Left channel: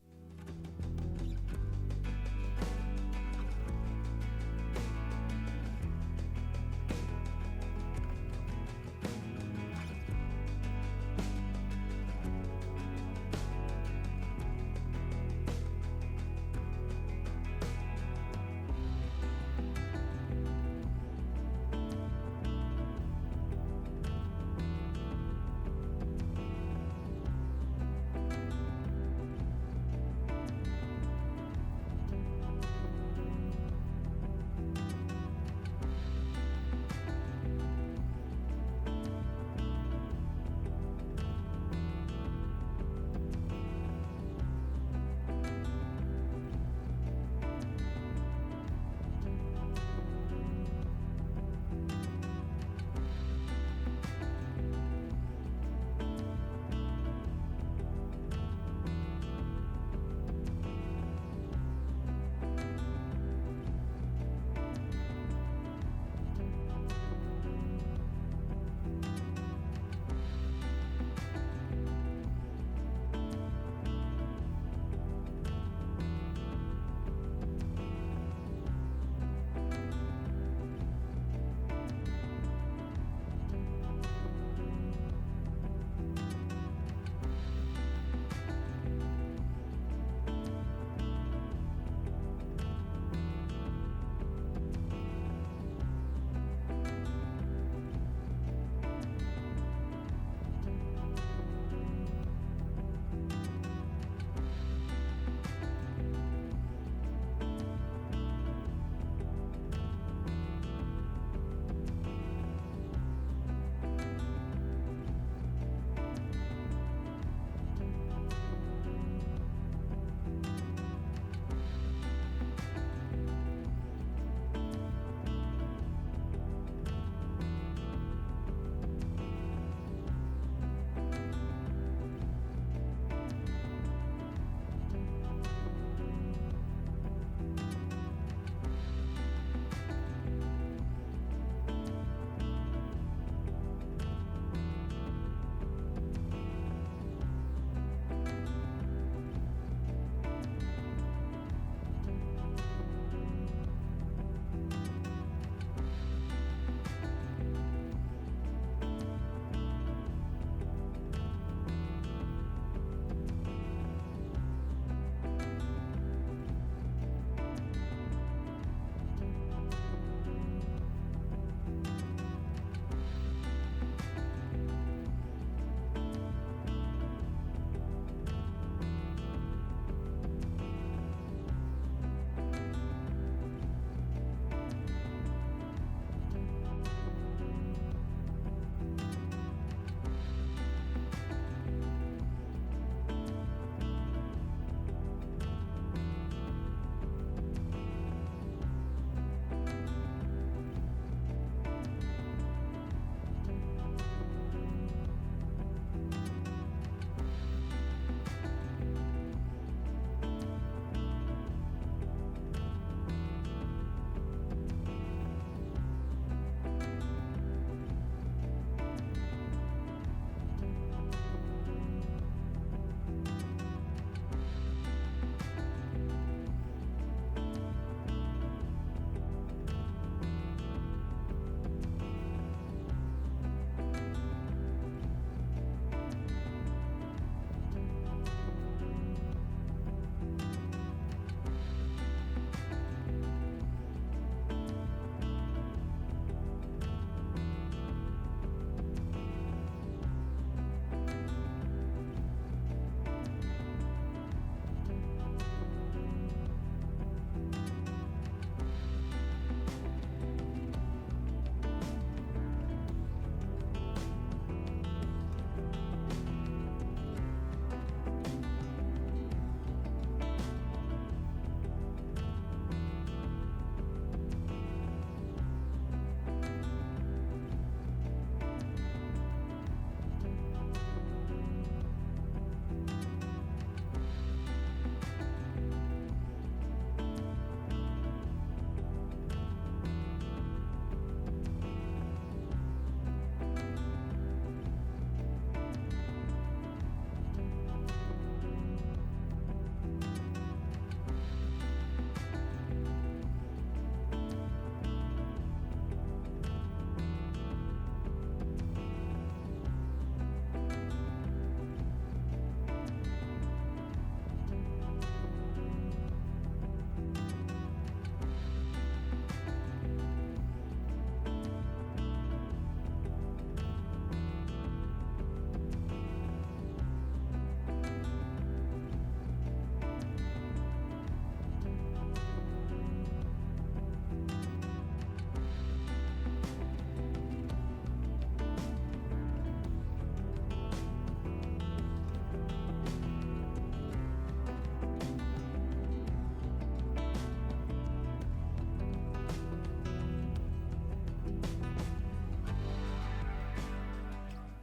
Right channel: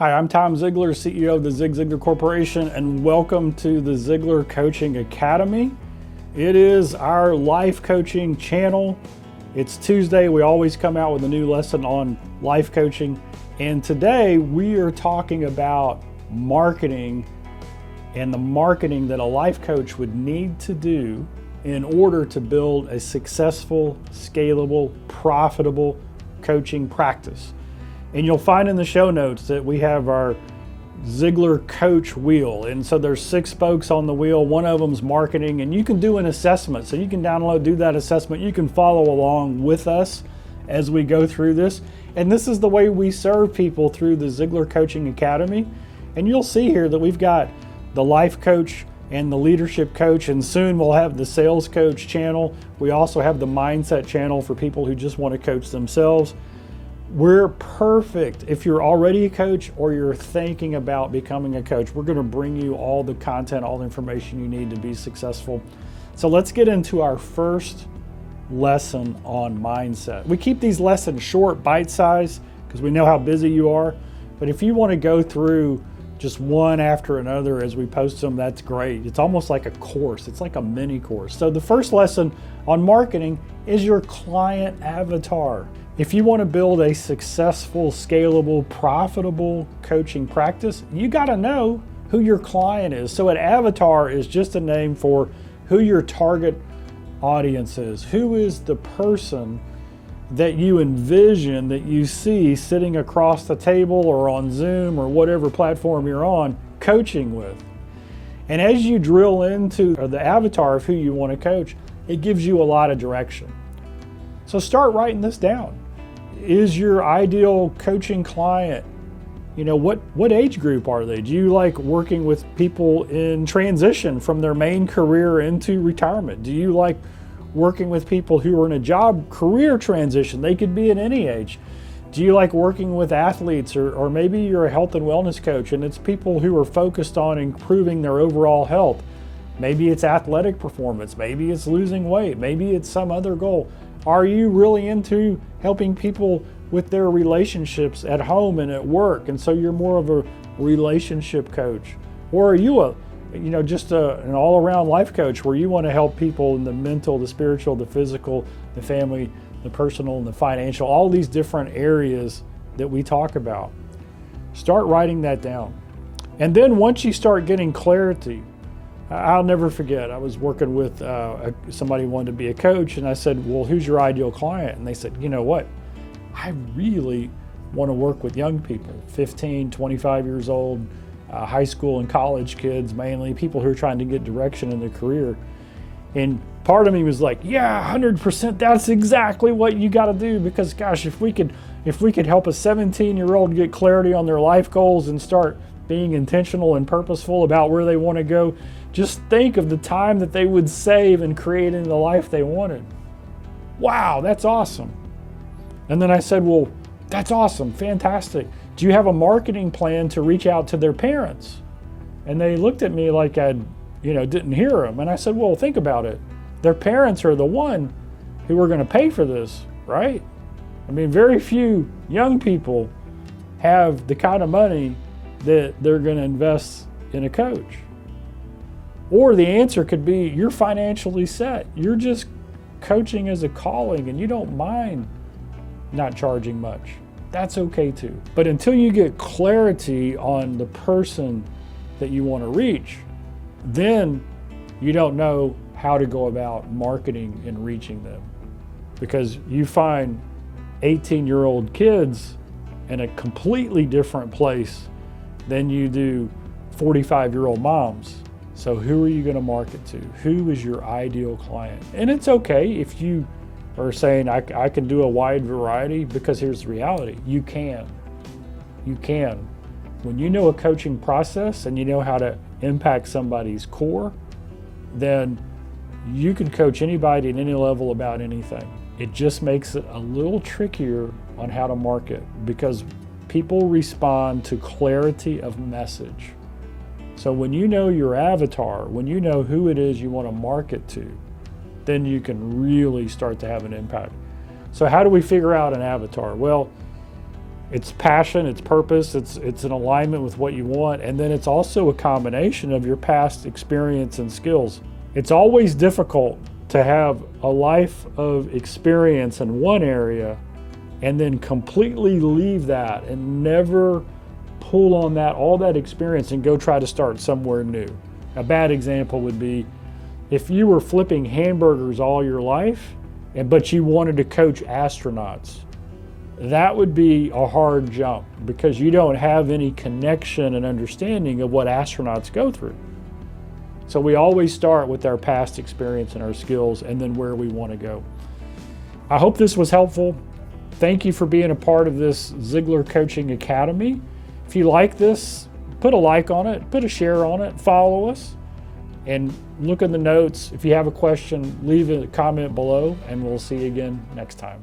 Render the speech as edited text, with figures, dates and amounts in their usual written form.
Hi, I'm Tom Ziglar, CEO of the Zig Ziglar Corporation, and welcome to the Ziglar Coaching Academy. It is our life coaching channel. It's Tuesday. We always come out with a new lesson on life coaching. And today we are talking about marketing and the marketing that a life coach would need to do in order to build a successful, scalable, profitable coaching practice. And you'll find in the show notes that we have our Ziglar Coach wheel. And so there's 6 spokes on the wheel. One of them's marketing, and you can do an assessment. So you can do that assessment. You can follow along with us as we go through this. And this is the way we serve people through the Ziglar Coaching Academy. And you'll see here that we've got the life coach and the leadership coach, and soon we'll have the sales coach channel. We also have the mindset channel for people who just want to coach themselves. We're perfect if you're already a coach or you're thinking about becoming a coach. We're going to bring you all the content, all the information you need to be successful. So let's get into our first lesson on mindset. We keep these lessons short, bite-sized, because we know how busy you are. But if you want to go through just one after another as we post them, that's great. It's almost like a course. It's like a mini course. So the first lesson on marketing is your client avatar. If you want to build a successful, scalable, profitable coaching practice, you got to know who your client is. So an avatar is just a name for who your target audience is. Who is the person that you envision, that you see sitting across the table or on Zoom or whatever platform you're on, coaching with. And as you drill into the avatar of who you want to coach, it gives you a lot of direction. So start writing this down. Is your ideal coaching client, what age group are they? Do you like working with people in transition from their main career into retirement? Do you like working with people who are in a job career transition? They could be at any age. Do you like working with athletes, or maybe you're a health and wellness coach and it's people who are focused on improving their overall health? Maybe it's athletic performance, maybe it's losing weight, maybe it's some other goal. Are you really into helping people with their relationships at home and at work, and so you're more of a relationship coach? Or are you just an all-around life coach where you want to help people in the mental, the spiritual, the physical, the family, the personal, and the financial, all these different areas that we talk about? Start writing that down. And then once you start getting clarity, I'll never forget, I was working with somebody who wanted to be a coach, and I said, well, who's your ideal client? And they said, you know what? I really want to work with young people, 15, 25 years old, high school and college kids, mainly people who are trying to get direction in their career. And part of me was like, yeah, 100%, that's exactly what you got to do, because gosh, if we could help a 17-year-old get clarity on their life goals and start being intentional and purposeful about where they want to go, just think of the time that they would save in creating the life they wanted. Wow, that's awesome. And then I said, well, that's awesome, fantastic. Do you have a marketing plan to reach out to their parents? And they looked at me like I didn't hear them. And I said, well, think about it. Their parents are the one who are going to pay for this, right? I mean, very few young people have the kind of money that they're going to invest in a coach. Or the answer could be, you're financially set. You're just coaching as a calling and you don't mind not charging much. That's okay too. But until you get clarity on the person that you want to reach, then you don't know how to go about marketing and reaching them. Because you find 18-year-old kids in a completely different place than you do 45-year-old moms. So who are you going to market to? Who is your ideal client? And it's okay if you are saying, I can do a wide variety, because here's the reality. You can. When you know a coaching process and you know how to impact somebody's core, then you can coach anybody at any level about anything. It just makes it a little trickier on how to market, because people respond to clarity of message. So when you know your avatar, when you know who it is you want to market to, then you can really start to have an impact. So how do we figure out an avatar? Well, It's passion, it's purpose, it's an alignment with what you want, and then it's also a combination of your past experience and skills. It's always difficult to have a life of experience in one area and then completely leave that and never pull on that, all that experience, and go try to start somewhere new. A bad example would be if you were flipping hamburgers all your life, but you wanted to coach astronauts. That would be a hard jump because you don't have any connection and understanding of what astronauts go through. So we always start with our past experience and our skills and then where we want to go. I hope this was helpful. Thank you for being a part of this Ziglar Coaching Academy. If you like this, put a like on it, put a share on it, follow us, and look in the notes. If you have a question, leave a comment below, and we'll see you again next time.